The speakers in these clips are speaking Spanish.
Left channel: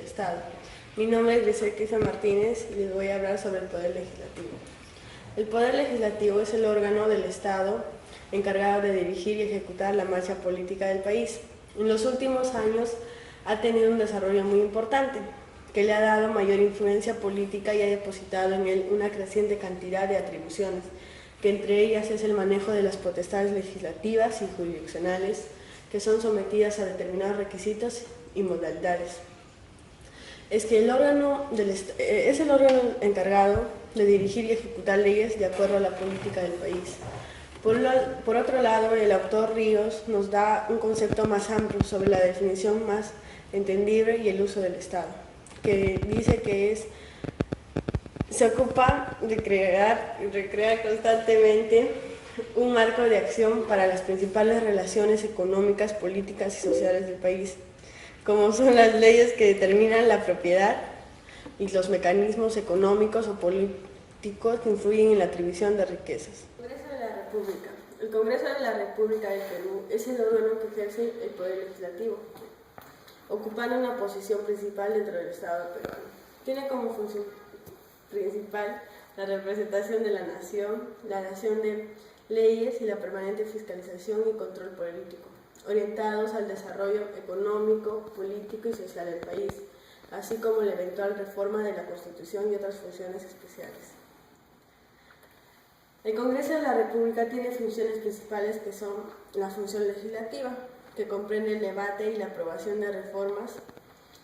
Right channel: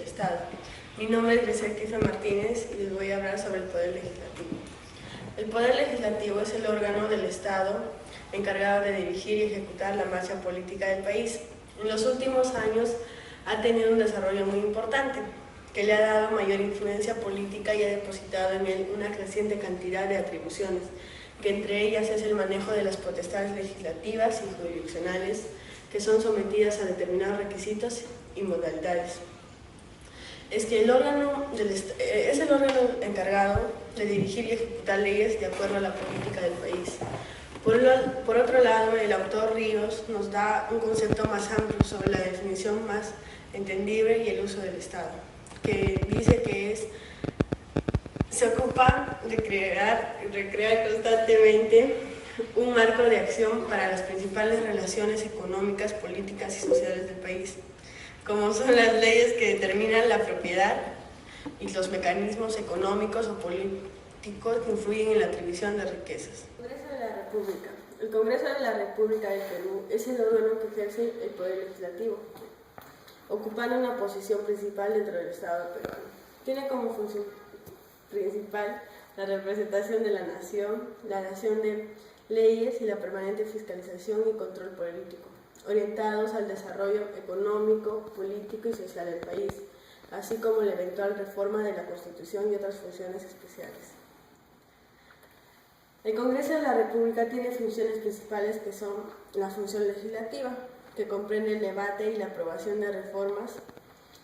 del Estado. Mi nombre es Grisel Kifa Martínez y les voy a hablar sobre el Poder Legislativo. El Poder Legislativo es el órgano del Estado encargado de dirigir y ejecutar la marcha política del país. En los últimos años ha tenido un desarrollo muy importante, que le ha dado mayor influencia política y ha depositado en él una creciente cantidad de atribuciones, que entre ellas es el manejo de las potestades legislativas y jurisdiccionales, que son sometidas a determinados requisitos y modalidades. Es el órgano encargado de dirigir y ejecutar leyes de acuerdo a la política del país. Por otro lado, el autor Ríos nos da un concepto más amplio sobre la definición más entendible y el uso del Estado, que dice que se ocupa de crear y recrear constantemente un marco de acción para las principales relaciones económicas, políticas y sociales del país, como son las leyes que determinan la propiedad y los mecanismos económicos o políticos que influyen en la atribución de riquezas. Congreso de la República. El Congreso de la República del Perú es el órgano que ejerce el Poder Legislativo, ocupando una posición principal dentro del Estado peruano. Tiene como función principal la representación de la nación de leyes y la permanente fiscalización y control político, orientados al desarrollo económico, político y social del país, así como la eventual reforma de la Constitución y otras funciones especiales. El Congreso de la República tiene funciones principales que son la función legislativa, que comprende el debate y la aprobación de reformas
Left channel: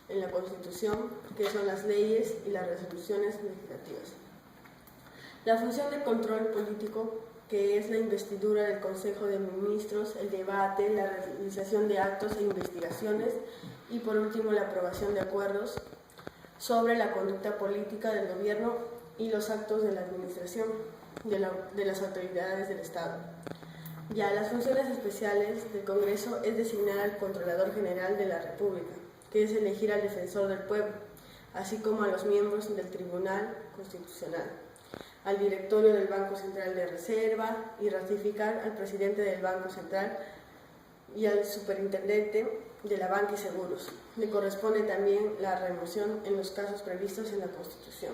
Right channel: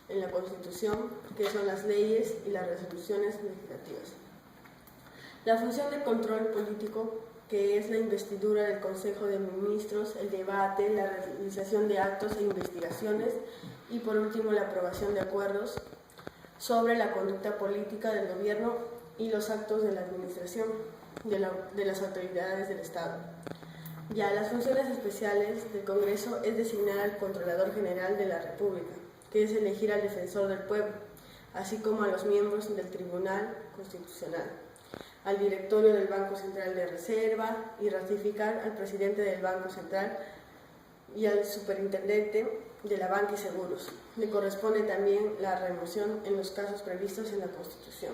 en la Constitución, que son las leyes y las resoluciones legislativas. La función de control político, que es la investidura del Consejo de Ministros, el debate, la realización de actos e investigaciones y, por último, la aprobación de acuerdos sobre la conducta política del gobierno y los actos de la administración de las autoridades del Estado. Ya las funciones especiales del Congreso es designar al Controlador General de la República, que es elegir al Defensor del Pueblo, así como a los miembros del Tribunal Constitucional, al Directorio del Banco Central de Reserva y ratificar al Presidente del Banco Central y al Superintendente de la Banca y Seguros. Le corresponde también la remoción en los casos previstos en la Constitución.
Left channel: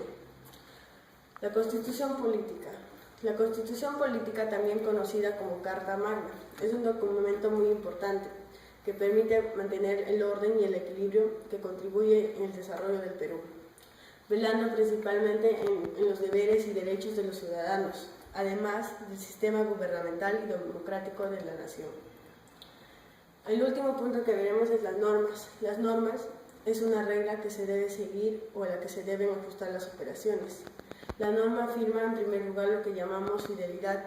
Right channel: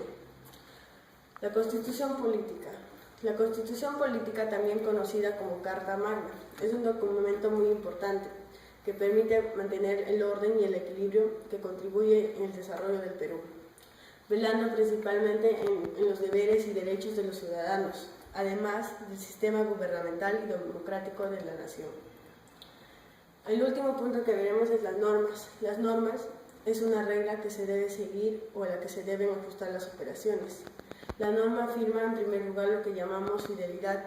La Constitución Política. La Constitución Política, también conocida como Carta Magna, es un documento muy importante que permite mantener el orden y el equilibrio que contribuye en el desarrollo del Perú, velando principalmente en los deberes y derechos de los ciudadanos, además del sistema gubernamental y democrático de la nación. El último punto que veremos es las normas. Las normas es una regla que se debe seguir o a la que se deben ajustar las operaciones. La norma afirma en primer lugar lo que llamamos fidelidad,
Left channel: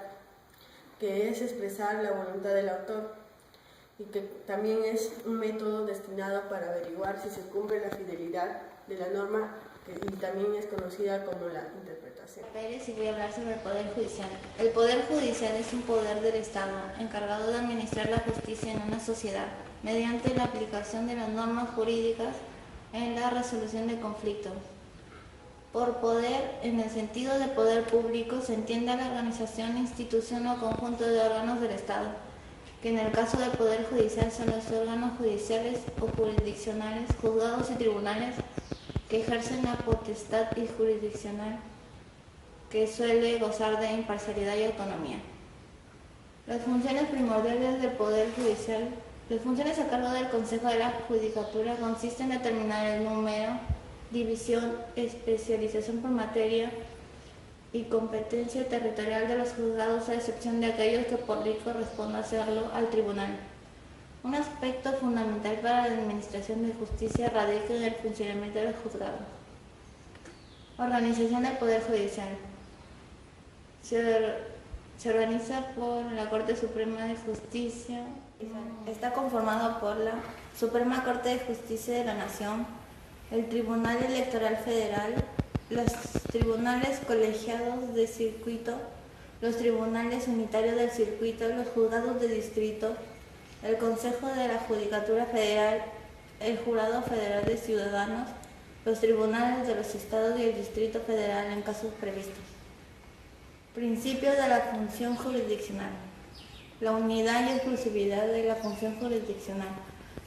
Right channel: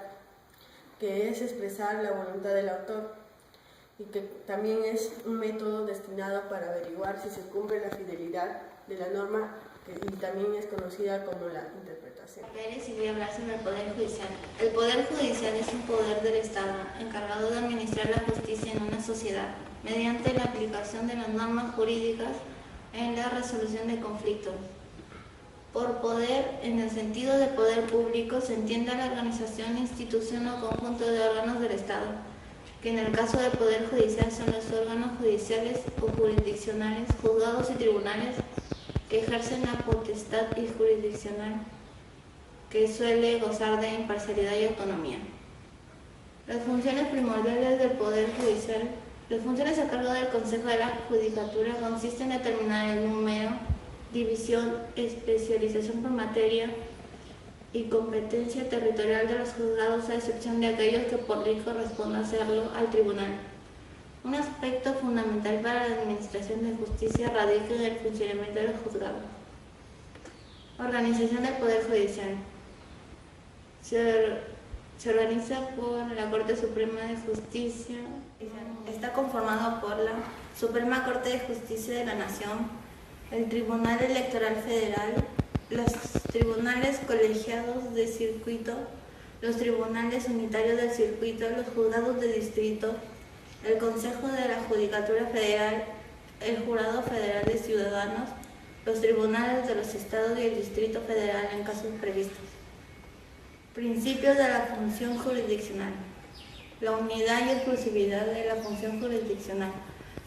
que es expresar la voluntad del autor, y que también es un método destinado para averiguar si se cumple la fidelidad de la norma, y también es conocida como la interpretación. Y voy a hablar sobre el Poder Judicial. El Poder Judicial es un poder del Estado encargado de administrar la justicia en una sociedad mediante la aplicación de las normas jurídicas en la resolución de conflictos. Por poder, en el sentido de poder público, se entiende a la organización, institución o conjunto de órganos del Estado, que en el caso del Poder Judicial son los órganos judiciales o jurisdiccionales, juzgados y tribunales, que ejercen la potestad jurisdiccional, que suele gozar de imparcialidad y autonomía. Las funciones primordiales del Poder Judicial. Las funciones a cargo del Consejo de la Judicatura consisten en determinar el número, división, especialización por materia y competencia territorial de los juzgados, a excepción de aquellos que por ley corresponda hacerlo al tribunal. Un aspecto fundamental para la administración de justicia radica en el funcionamiento de los juzgados. Organización del Poder Judicial. Se organiza por la Corte Suprema de Justicia. Está conformado por la Suprema Corte de Justicia de la Nación, el Tribunal Electoral Federal, los tribunales colegiados de circuito, los tribunales unitarios del circuito, los juzgados de distrito, el Consejo de la Judicatura Federal, el Jurado Federal de Ciudadanos, los tribunales de los estados y el Distrito Federal en casos previstos. Principios de la función jurisdiccional. La unidad y exclusividad de la función jurisdiccional.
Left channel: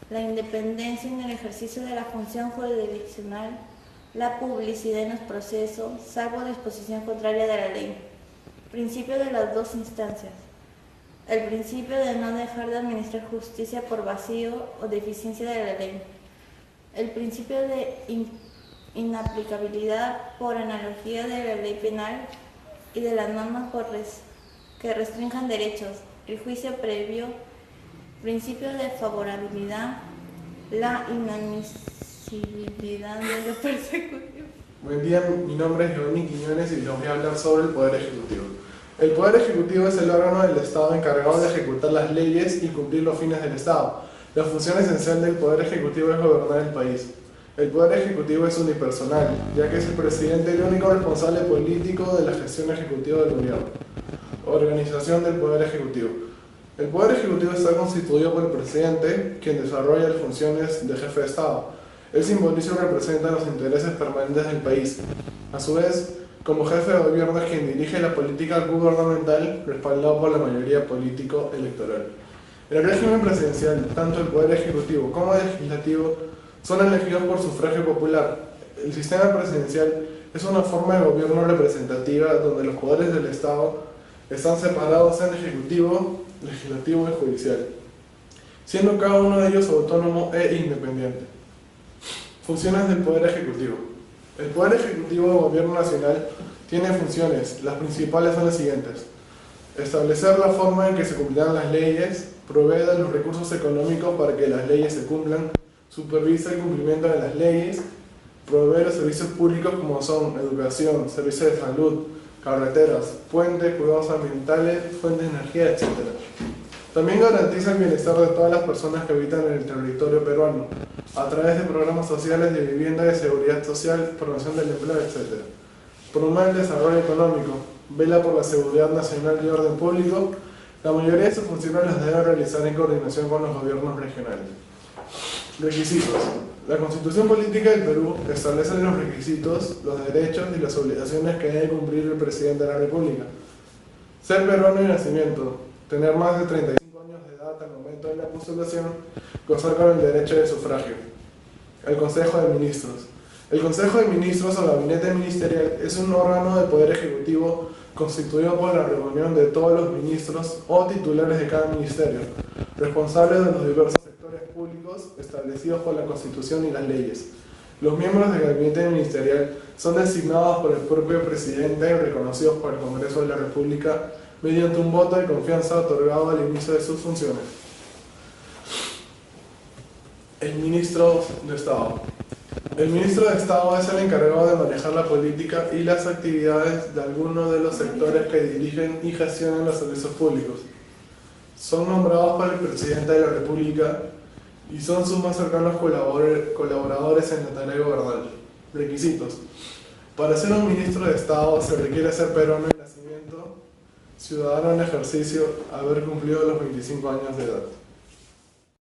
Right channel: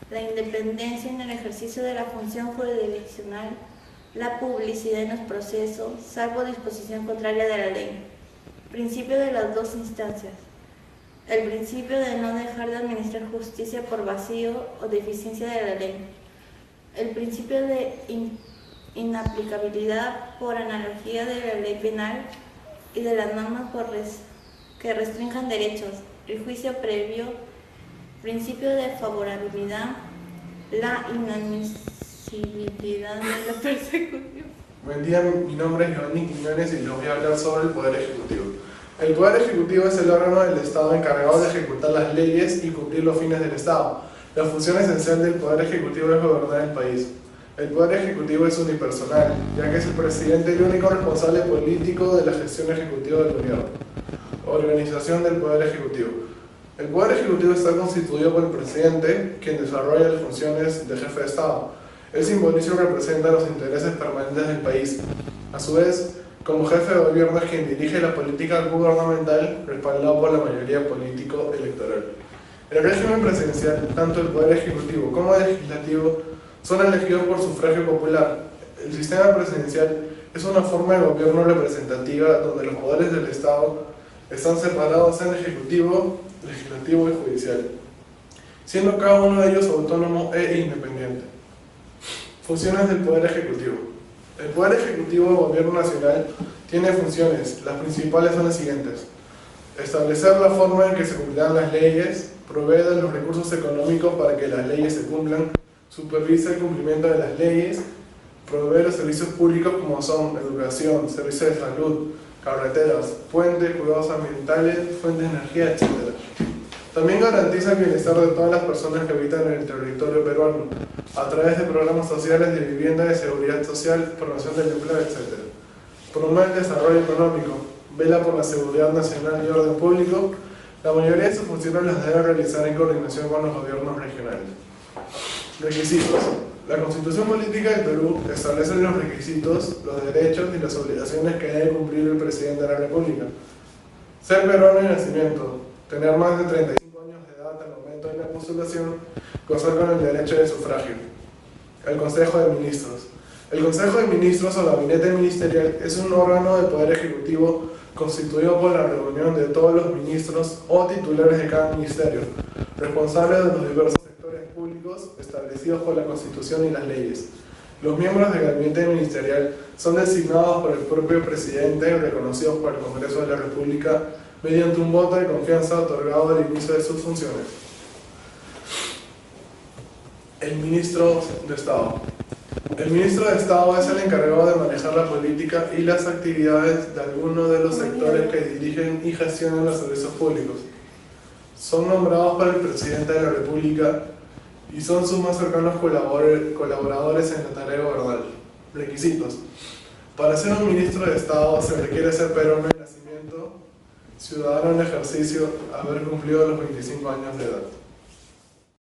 la independencia en el ejercicio de la función jurisdiccional, la publicidad en los procesos, salvo disposición contraria de la ley. Principio de las dos instancias. El principio de no dejar de administrar justicia por vacío o deficiencia de la ley. El principio de inaplicabilidad por analogía de la ley penal y de las normas que restrinjan derechos. El juicio previo. Principio de favorabilidad. La inadmisibilidad de la persecución. Buen día, mi nombre es León Quiñones y les voy a hablar sobre el Poder Ejecutivo. El Poder Ejecutivo es el órgano del Estado encargado de ejecutar las leyes y cumplir los fines del Estado. La función esencial del Poder Ejecutivo es gobernar el país. El Poder Ejecutivo es unipersonal, ya que es el presidente el único responsable político de la gestión ejecutiva del gobierno. Organización del Poder Ejecutivo. El Poder Ejecutivo está constituido por el presidente, quien desarrolla las funciones de jefe de Estado. Él simboliza y representa los intereses permanentes del país. A su vez, como jefe de gobierno es quien dirige la política gubernamental respaldado por la mayoría político-electoral. En el régimen presidencial, tanto el Poder Ejecutivo como el Legislativo son elegidos por sufragio popular. El sistema presidencial es una forma de gobierno representativa donde los poderes del Estado están separados en Ejecutivo, Legislativo y Judicial, siendo cada uno de ellos autónomo e independiente. Funciones del Poder Ejecutivo. El Poder Ejecutivo del Gobierno Nacional tiene funciones. Las principales son las siguientes: establecer la forma en que se cumplirán las leyes, provee de los recursos económicos para que las leyes se cumplan, supervisa el cumplimiento de las leyes, provee los servicios públicos como son educación, servicios de salud, carreteras, puentes, cuidados ambientales, fuentes de energía, etc. También garantiza el bienestar de todas las personas que habitan en el territorio peruano, a través de programas sociales de vivienda, de seguridad social, promoción del empleo, etc. Promueve el desarrollo económico, vela por la seguridad nacional y orden público. La mayoría de sus funciones las debe realizar en coordinación con los gobiernos regionales. Requisitos. La Constitución Política del Perú establece los requisitos, los derechos y las obligaciones que debe cumplir el presidente de la República. Ser peruano de nacimiento, tener más de 35 años de edad al momento de la postulación, gozar con el derecho de sufragio. El Consejo de Ministros. El Consejo de Ministros o Gabinete Ministerial es un órgano del Poder Ejecutivo constituido por la reunión de todos los ministros o titulares de cada ministerio, responsables de los diversos sectores públicos establecidos por la Constitución y las leyes. Los miembros del Gabinete Ministerial son designados por el propio presidente y reconocidos por el Congreso de la República mediante un voto de confianza otorgado al inicio de sus funciones. El Ministro de Estado. El Ministro de Estado es el encargado de manejar la política y las actividades de algunos de los sectores que dirigen y gestionan los servicios públicos. Son nombrados por el Presidente de la República y son sus más cercanos colaboradores en la tarea de gobernar. Requisitos. Para ser un Ministro de Estado se requiere ser peruano de nacimiento, ciudadano en ejercicio, haber cumplido los 25 años de edad.